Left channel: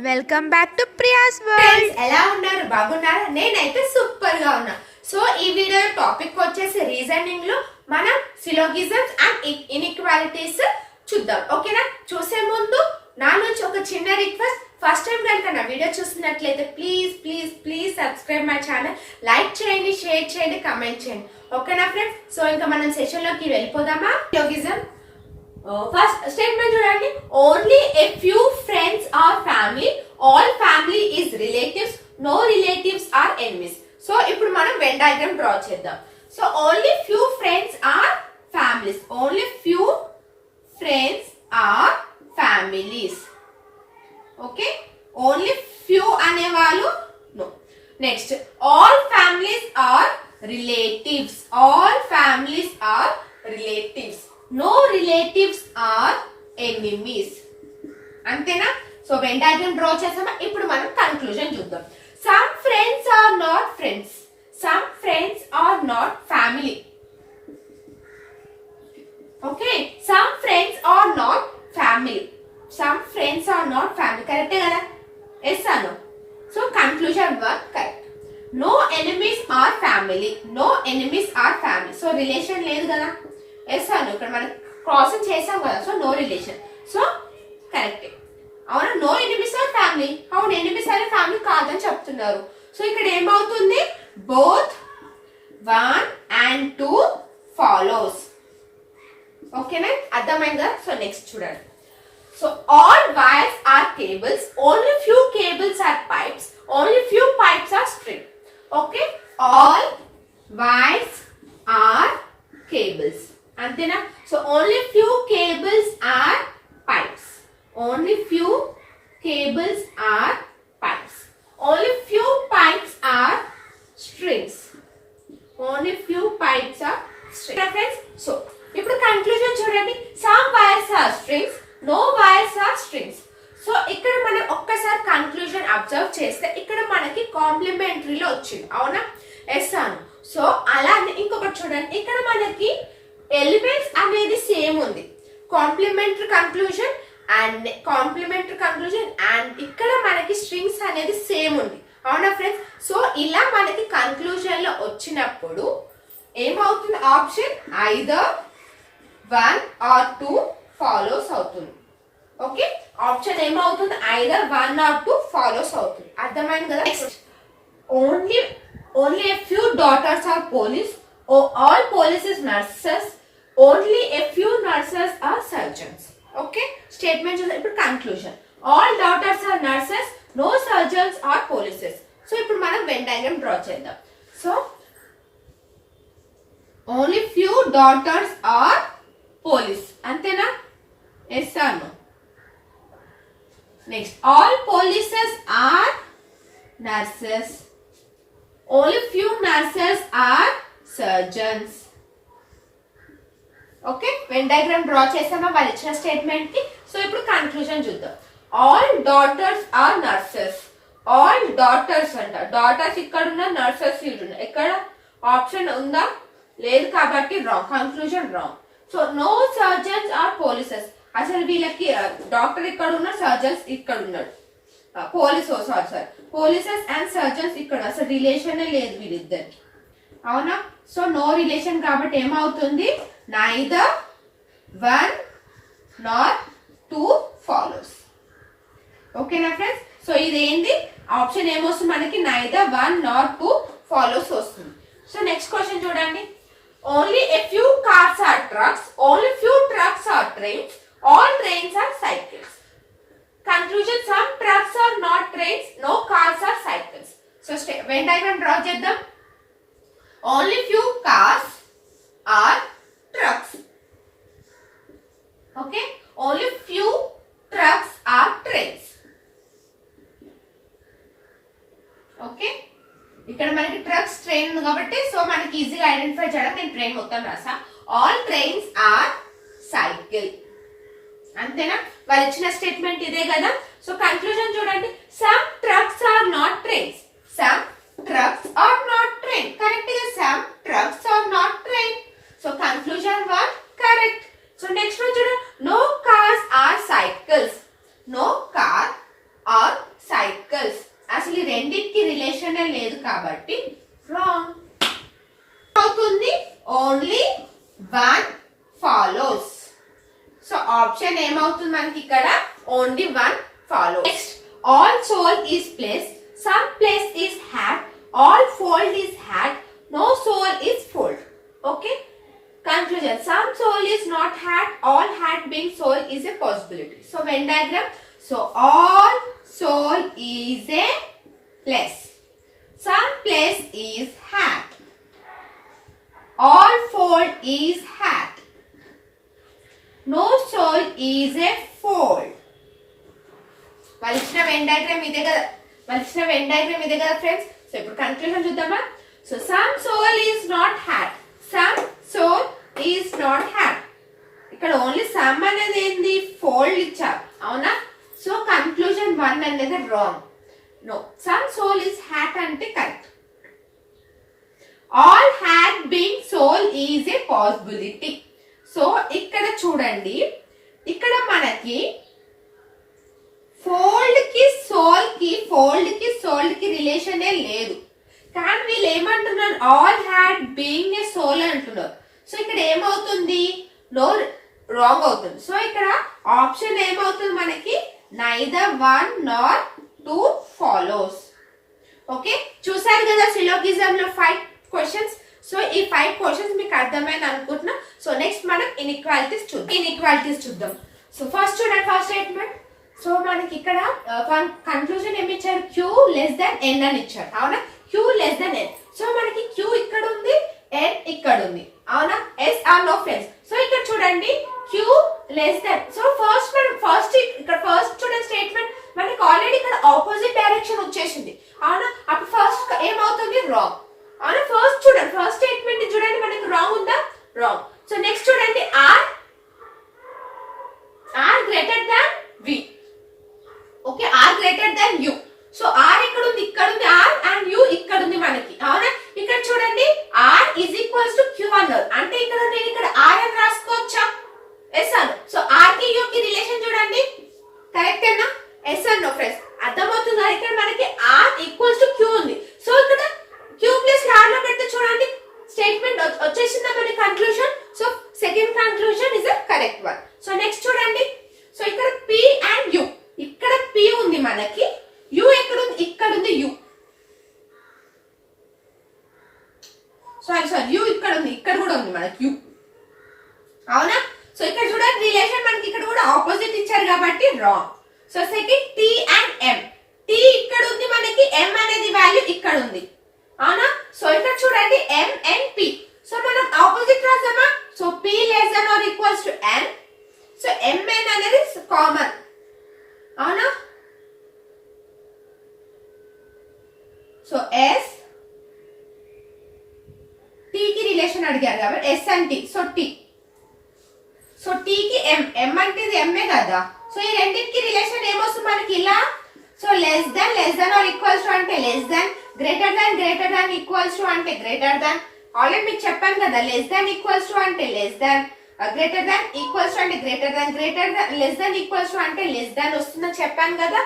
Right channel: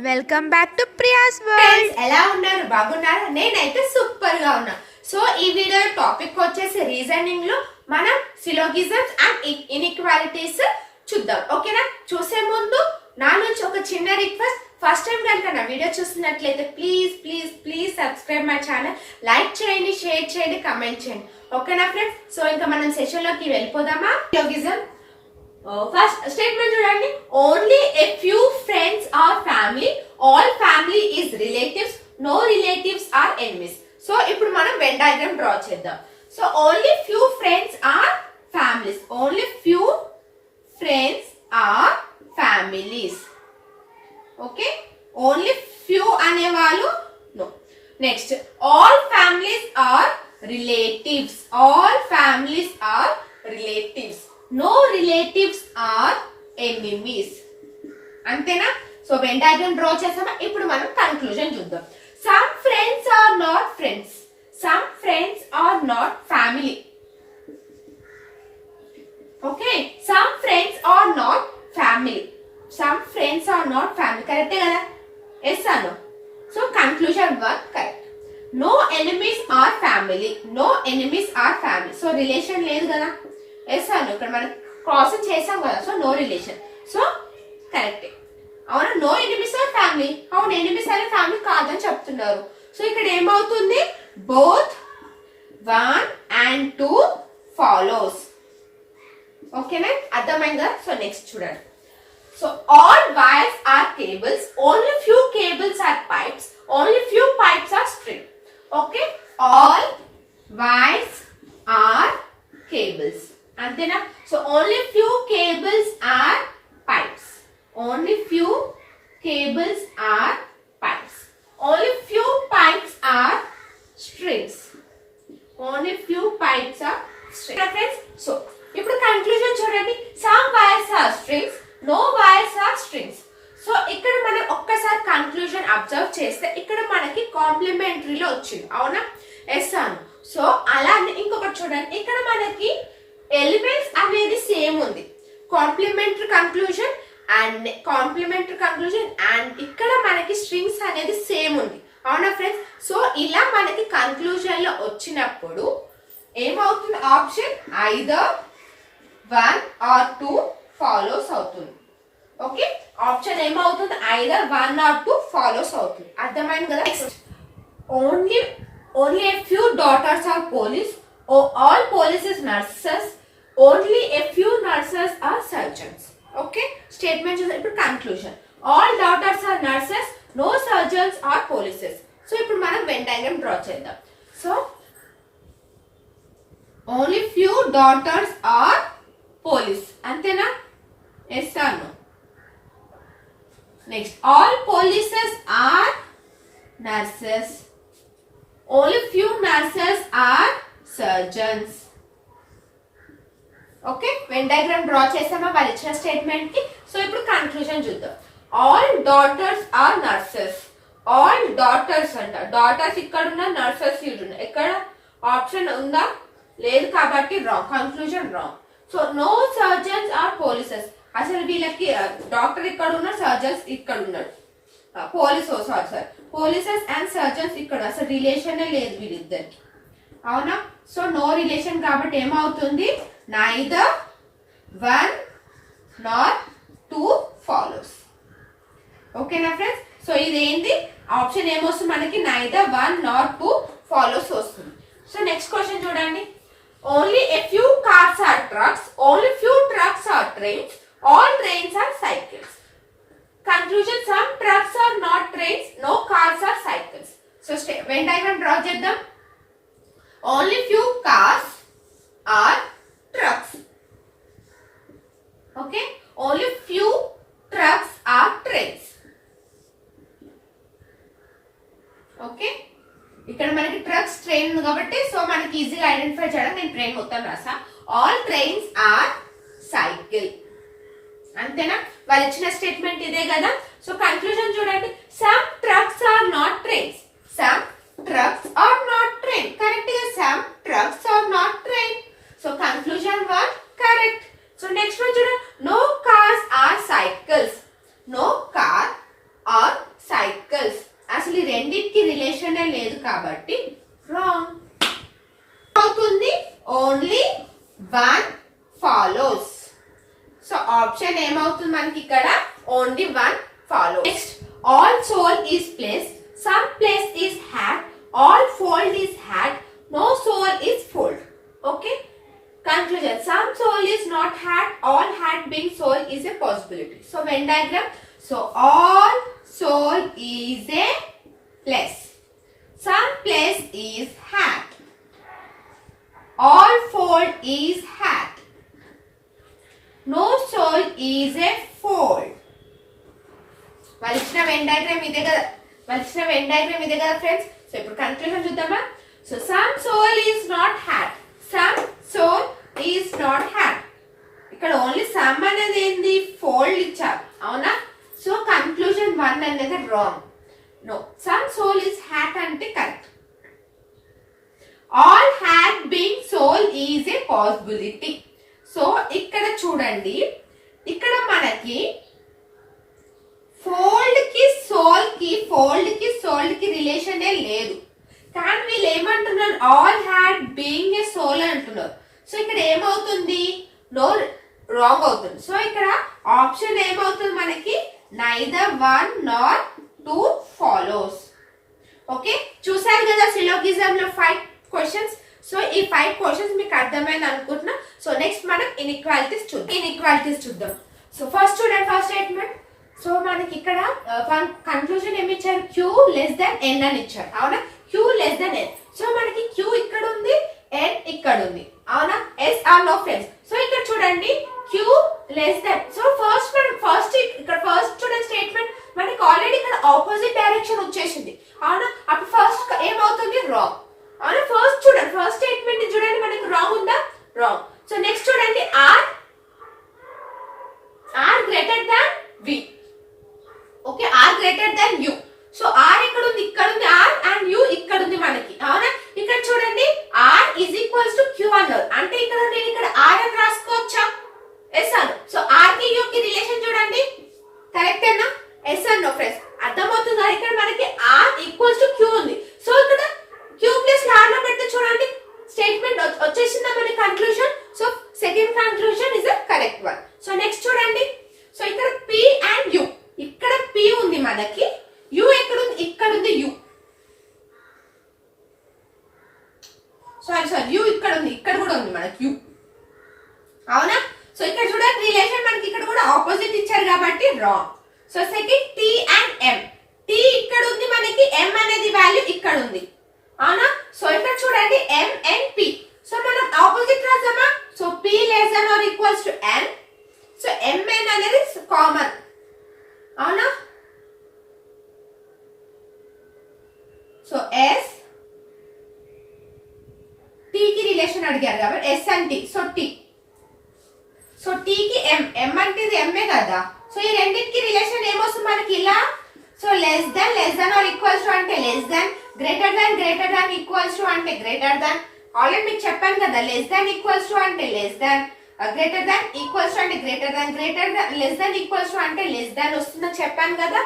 Welcome back to Priya's world. ఎలా ఉన్నారు? బాగున్నారా? నేనైతే సూపర్ గా ఉన్నా. సో ఈ వీడియో టాపిక్ వచ్చేసి రీజనింగ్ లో మనం సిలోగిజమ్స్ అండ్ ఇన్ఈక్వాలిటీస్ చూద్దాం. ఓకేనా? చూసే ముందు నా నుంచి ఒక చిన్న రిక్వెస్ట్. ఫస్ట్ టైం కనుక నా వీడియో చూస్తున్నట్లయితే please please please subscribe my channel. Like చేయండి, షేర్ చేయండి, కమెంట్ చేయండి. ఓకేనా ఫ్రెండ్స్? సో ఇంకా మనం సెషన్ లోకి వెళ్ళిపోదామా? సిలోగిజం ఫస్ట్ స్టేట్మెంట్ చూడండి. Only a few friends are family, all family is relatives, no relatives are enemies. So ఇప్పుడు మనం వెన్ డయాగ్రామ్ డ్రా చేద్దాం. So only few friends are families, only few friends are families. Okay, only few అనేవాళ్ళు no. Next all families are relatives, all families are relatives, no relatives are enemies. అంతేనా? So when diagram draw చేసామా? ఇప్పుడు మనం conclusion చూద్దాం. Some friends are not friends, some friends are not family. Okay, some friends are not family, some friends are not family. కరెక్టే కదా? Yes అను. So conclusion 1 correct. No enemies are family, no enemies are family. So relation లేదు కదా? Yes అను. ఇక్కడ మనం crossing చేసాం కదా, so no relation. So correct. అవునా? No enemies are family. అవును, ఎనిమీస్ అనే ఫ్యామిలీ కాదని చెప్తున్నారు. సో ఇక్కడ ఏమవుతుంది? Both 1 and 2 follows. ఓకేనా? అర్థమైందా? సో నెక్స్ట్ చూడండి. So all wires are cables, only few cables are pipes, only few pipes are string. Okay, all wires are cables. అంతేనా? So only few cables are pipes, only few cables are pipes, only few pipes are strings, only few pipes are strings. So ఇప్పుడు conclusion చూడండి. Some wires are strings, no wires are strings. So ఇక్కడ మనం ఒక్కసారి conclusion observe చేస్తే ఇక్కడ మనకి కాంప్లిమెంటరీలో వచ్చింది. అవునా? ఎస్ అను. సో అలానే ఇంకొకటి చూడండి. ఇక్కడ మనకి ఎలిమెంట్స్ అనేది సేమ్ ఉంది. కాంప్లిమెంటరీ కన్క్లూజన్ అండ్ ఇక్కడ మనకి స్ట్రింగ్స్ అనేది సేమ్ ఉంది. అవునా ఫ్రెండ్స్? సో ఇలా మనకి కన్క్లూజన్ లో వచ్చినప్పుడు ఏమవుతుంది? ఆప్షన్ ఐదర్ 1 or 2 ఫాలోస్ అవుతుంది. ఓకే, ఆప్షన్ ఏమవుతుంది? ఐదర్ 1 or 2 ఫాలోస్ అవుతుంది. అర్థమైంది కదా? Only a few daughters are police, all police is nurses, only a few nurses are surgeons. ఓకే, స్టేట్మెంట్ చూద్దాం. ఇప్పుడు conclusion. All daughters are nurses, no surgeons are polices. So ఇప్పుడు మనం Venn diagram draw చేద్దాం. So only few daughters are police. అంతేనా? Yes or no? Next all polices are nurses, only few nurses are surgeons. Okay, Venn diagram draw చేసామా వాళ్ళు ఇచ్చిన statement కి. So ఇప్పుడు conclusion చూద్దాం. All daughters are nurses, all daughters అంట. Daughters ఇక్కడ ఉన్న, నర్సెస్ ఇక్కడ ఉన్న. ఎక్కడ ఆప్షన్ ఉందా? లేదు కాబట్టి wrong. Conclusion wrong. So no surgeons are polices. అసలు వీళ్ళకి డాక్టర్ ఇక్కడ ఉన్నారు, సర్జన్స్ ఇక్కడ ఉన్నారు. పోలీసెస్ అండ్ సర్జన్స్ ఇక్కడ. అసలు రిలేషన్ లేదు వీళ్ళిద్దరికి. అవునా? సో నో రిలేషన్ కాబట్టి ఏమవుతుంది? Neither 1 nor 2 follows. ఓకేనా ఫ్రెండ్స్? సో ఇదేంటి? ఆప్షన్ ఏమొస్తుంది మనకి? నైదర్ 1 nor 2 ఫాలోస్ వస్తుంది. సో నెక్స్ట్ క్వశ్చన్ చూడండి. Only a few cars are trucks, only few trucks are trains, all trains are cycles. Conclusion. Some trucks are not trains, no cars are cycles. So when diagram draw చేద్దాం. Only few cars are trucks. Okay, only few trucks are trains. Okay, ఇక్కడ మనకి trucks, train ఉంది కాబట్టి so మనకి ఈజీగా identify చేయడం. నేను train మొత్తం రాసా. All trains are cycle. అంతేనా? వాళ్ళు ఇచ్చిన స్టేట్మెంట్ ఇదే కదా. సో కన్క్లూజన్ చూడండి. Some trucks are not trains, some trucks are not train. Correct గా some trucks are not train. So conclusion 1 correct. So next one చూడండి. No cars are cycles, no car are కాబట్టి wrong అవుతుంది. Only one follows. So option ఏమవుతుంది మనకి ఇక్కడ only one follows. Next all soul is place, some place is had, all fold is had, no soul is fold. Okay, conclusion, some soul is not had, all had been soul is a possibility. So Venn diagram, so all soul is a place, some place is had, all fold is had, no soul is a fold. వాళ్ళు ఇచ్చిన Venn diagram ఇదే కదా friends. So ఇప్పుడు conclusion చూద్దామా. So some soul is not had, some soul is not had. ఇక్కడ only some అనేది ఏంది, fold ఇచ్చారు అవునా. సో కన్క్లూజన్ 1 అనేది wrong. No, some soul is had అంటే correct. All had been soul is a possibility. So ఇక్కడ చూడండి, ఇక్కడ మనకి ఫోల్డ్ కి సోల్డ్ కి రిలేషన్ లేదు. కానీ వీళ్ళు ఏమంటున్నారు, all had being a soul అంటున్నారు. సో ఇక్కడ ఏమవుతుంది, నో రాంగ్ అవుతుంది. సో ఇక్కడ ఆప్షన్ ఏమవుతుంది మనకి, నైదర్ 1 nor 2 ఫాలోస్. ఓకే, చూసారు కదా సిలోగిజం లో 5 క్వశ్చన్స్. సో ఈ 5 క్వశ్చన్స్ మీకు అర్థమైంది అనుకుంటున్నా. సో నెక్స్ట్ మనం ఇన్ఈక్వాలిటీస్ చూద్దాం. సో ఫస్ట్ చూడండి, ఫస్ట్ స్టేట్మెంట్. సో మనకి ఇక్కడ కన్క్లూజన్ ఏమి ఇచ్చారు, Q less than n అని ఇచ్చారు అవునా. Q less than n. So మనకి Q ఇక్కడ ఉంది, n ఇక్కడ ఉంది అవునా. S are no friends. So ఇక్కడ చూడండి Q less than. So first చూడండి స్టేట్మెంట్ మనకి ఆల్రెడీ ఇక్కడ ఆపోజిట్ డైరెక్షన్ వచ్చేసింది అవునా. అప్పుడు ఫస్ట్ ఏమవుతుంది, రాంగ్ అవునా. ఫస్ట్ స్టేట్మెంట్ చూడండి మనకి రాంగ్ ఉందా, రాంగ్. సో నెక్స్ట్ చూడండి R greater than V. Okay, R greater than U. So R ఇక్కడ ఉంది, R అండ్ U ఇక్కడ ఉంది మనకి అవునా. ఇక్కడ చూడండి R is equals to Q అన్నారు అంటే ఇక్కడ నేను ఇక్కడ R అని రాసుకోవచ్చా, ఎస్ అను. సో R కి U కి రిలేషన్ చూడండి, కరెక్టేనా, ఎస్ అను ఫ్రెండ్స్. అర్థమవుతుందా, ఇక్కడ మనకి R ఈక్వల్స్ టు Q ఉంది. సో ఇక్కడ Q ప్లస్ R లో పెడితే చూడండి స్టేట్మెంట్ వచ్చేసిందా మనకి conclusion. So second conclusion is the correct one. So next చూడండి, సో ఇక్కడ P అండ్ U, ఇక్కడ P ఉంది మనకి, U ఎక్కడ ఉంది, ఇక్కడ ఉంది U. సారీ U ఇక్కడ ఉంది, ఇక్కడ కూడా ఉంది మనకి U అవునా. సో ఇక్కడ చూడండి రిలేషన్ మనకి ఇక్కడ కూడా ఆపోజిట్ ఇచ్చారు కాబట్టి wrong. So second T and M, T ఇక్కడ ఉంది మనకి, M అనేది వాల్యూ ఇక్కడ ఉంది అవునా. సో ఇక్కడ చూడండి M and P. సో మనం ఆపోజిట్ రాసామా. So P less than or equals to M. So M n అనేది కామన్ అవునా. సో S T కి రిలేషన్ అడిగారు కాబట్టి S and T. So T, so T కి M అంటే ఇది M కదా. సో ఈ రెండింటికి రిలేషన్ ఏమొస్తుంది మనకి ఇలా. So less than or equals to అంటే less than, greater than equals to అంటే గ్రేటర్ దెన్. ఆల్రెడీ మీకు చెప్పాను కదా, లెస్ దెన్ ఈక్వల్స్ టు అంటే less than, greater than equals to అంటే greater than less than equals to అంటే less than వస్తుందని చెప్పాను కదా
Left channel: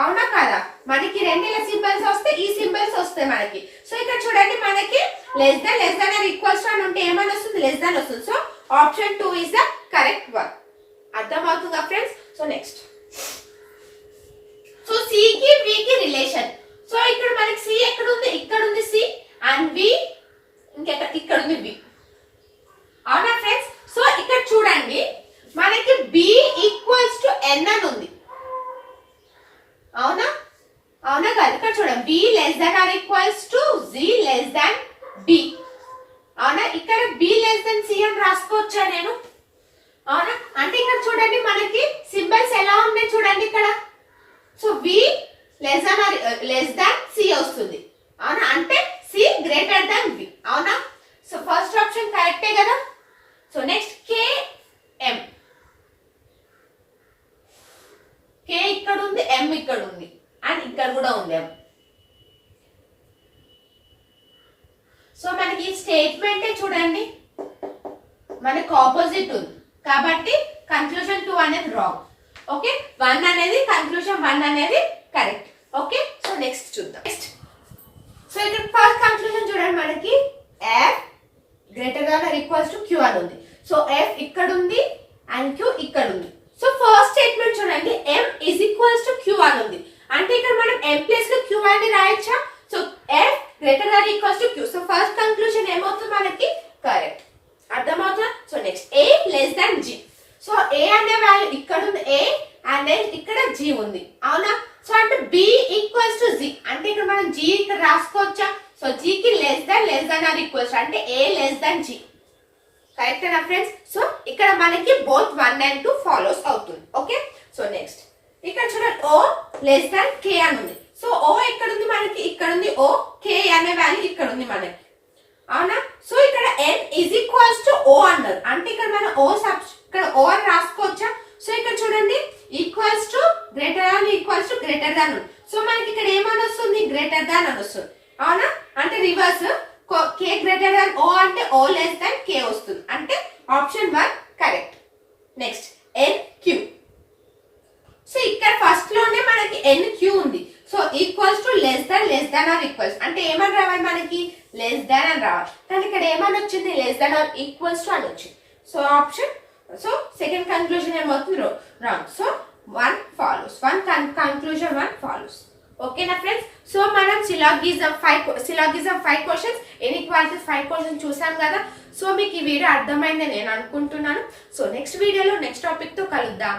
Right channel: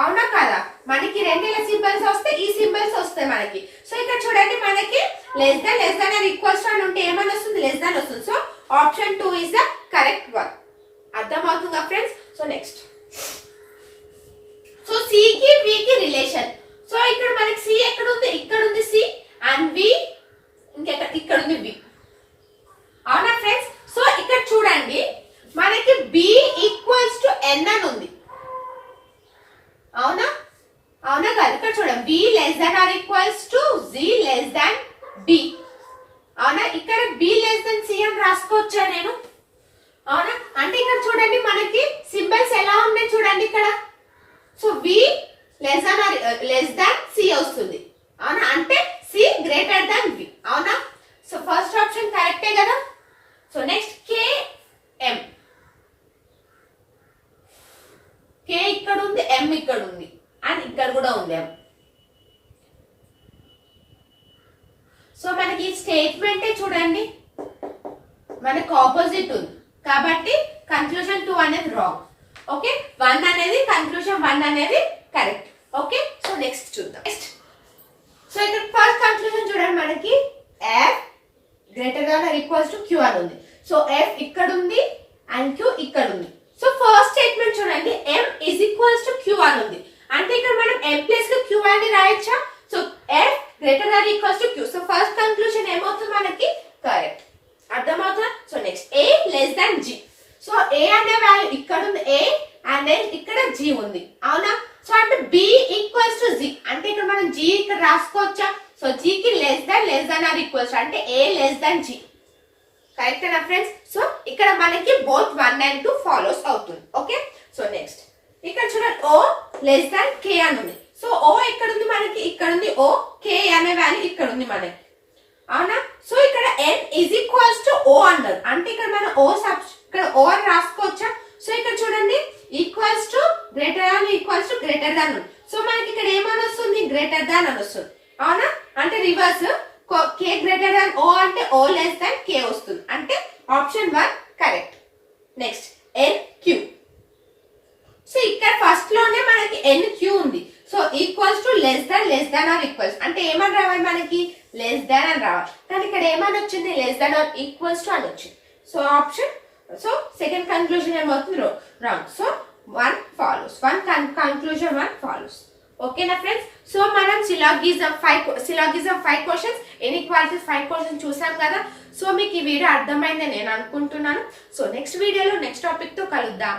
అవునా కదా. మనకి రెండుల సింబల్స్ వస్తే ఈ సింబల్స్ వస్తాయి మనకి. సో ఇక్కడ చూడండి మనకి less than or equals to అని ఉంటే ఏమని వస్తుంది, లెస్ దెన్ వస్తుంది. So option 2 is the correct one. అర్థమవుతుందా friends. So next, so C కి V కి రిలేషన్. సో ఇక్కడ మనకి C ఎక్కడ ఉంది, ఇక్కడ ఉంది C అండ్ V ఇక్కడ ఉంది V అవునా ఫ్రెండ్స్. సో ఇక్కడ చూడండి మనకి B ఈక్వల్స్ టు N అని ఉంది అవునా కదా. ఇక్కడ చూడండి B less than or equals to Z less than B అవునా. ఇక్కడ B less than C అని రాసుకోవచ్చా నేను అవునా. అంటే ఇక్కడ చూడండి మనకి సింబల్స్ ఎలా ఉన్నాయి చూడండి ఇక్కడ. So V less than C వస్తుంది అవునా, అంటే C greater than V అవునా. సో ఫస్ట్ ఆప్షన్ కరెక్టే కదా. So next K M, K ఇక్కడ ఉంది, M ఇక్కడ ఉంది అండ్ ఇక్కడ కూడా ఉంది M. సో మనకి స్టేట్మెంట్ చూడండి మనకు ఆపోజిట్ ఉంది కాబట్టి కన్క్లూజన్ 2 అనేది రాంగ్. ఓకే, 1 అనేది కన్క్లూజన్ 1 అనేది కరెక్ట్. ఓకే, సో నెక్స్ట్ చూద్దాం. నెక్స్ట్, సో సో ఇక్కడ ఫస్ట్ కంక్లూజన్ చూడండి మనకి F greater than or equals to Q అని ఉంది. సో ఎఫ్ ఇక్కడ ఉంది అండ్ క్యూ ఇక్కడ ఉంది. సో ఫస్ట్ స్టేట్మెంట్ చూడండి m is equals to q అని ఉంది. అంటే ఇక్కడ మనం m ప్లేస్ లో q అని రాయొచ్చా? So f greater than equals to q. So first conclusion ఏమవుతుంది మనకి కరెక్ట్. అర్థమవుతుందా? So next a less than g. So a అనే వాల్యూ ఇక్కడ ఉంది a అండ్ దెన్ ఇక్కడ g ఉంది అవునా? సో అంటే b ఈక్వల్స్ టు g. అంటే ఇక్కడ మనం g ఇక్కడ రాసుకోవచ్చా? సో g కి లెస్ దాన్ ఆర్ ఈక్వల్స్ అంటే a less than g. Correct నా ఫ్రెండ్స్? సో ఇక్కడ మనకి బోత్ 1 and 2 ఫాలోస్ అవుతుంది. ఓకే. సో నెక్స్ట్ ఇక్కడ చూడండి o లెస్ దాన్ k అని ఉంది. సో o ఎక్కడ ఉంది మనకి? ఇక్కడ ఉంది o, k అనే వాల్యూ ఇక్కడ ఉంది మనకి అవునా? సో ఇక్కడ n is equals to o అన్నారు. అంటే ఇక్కడ మనం ఇక్కడ o అని రాసుకోవచ్చా? సో ఇక్కడ చూడండి equals to greater than equals to greater than. So మనకి ఇక్కడ ఏమని వస్తుంది? గ్రేటర్ దాన్ అని వస్తుంది అవునా? అంటే reverse k greater than o అంటే o లెస్ దాన్ k వస్తుంది. అంటే option 1 correct. Next nq. So ఇక్కడ ఫస్ట్ లోనే మనకి nq ఉంది. So equals to less than or equals అంటే ఏమని రావాలి మనకి? లెస్ దాన్ అని రావాలి. కానీ ఇక్కడ ఏమని వచ్చింది? Less than or equals to అని వచ్చింది. So option so second conclusion ఏమవుతుంది? Wrong. So 1 follows. Conclusion 1 follows. ఓకేనా ఫ్రెండ్స్? సో మనం సిలాగిజం 5 క్వశ్చన్స్, ఇన్ఈక్వాలిటీస్ 5 క్వశ్చన్స్ చూసాం కదా. సో మీకు ఈ వీడియో అర్థమైందని నేను అనుకుంటున్నాను. సో నెక్స్ట్ వీడియోలో నెక్స్ట్ టాపిక్ తో కలుద్దాం.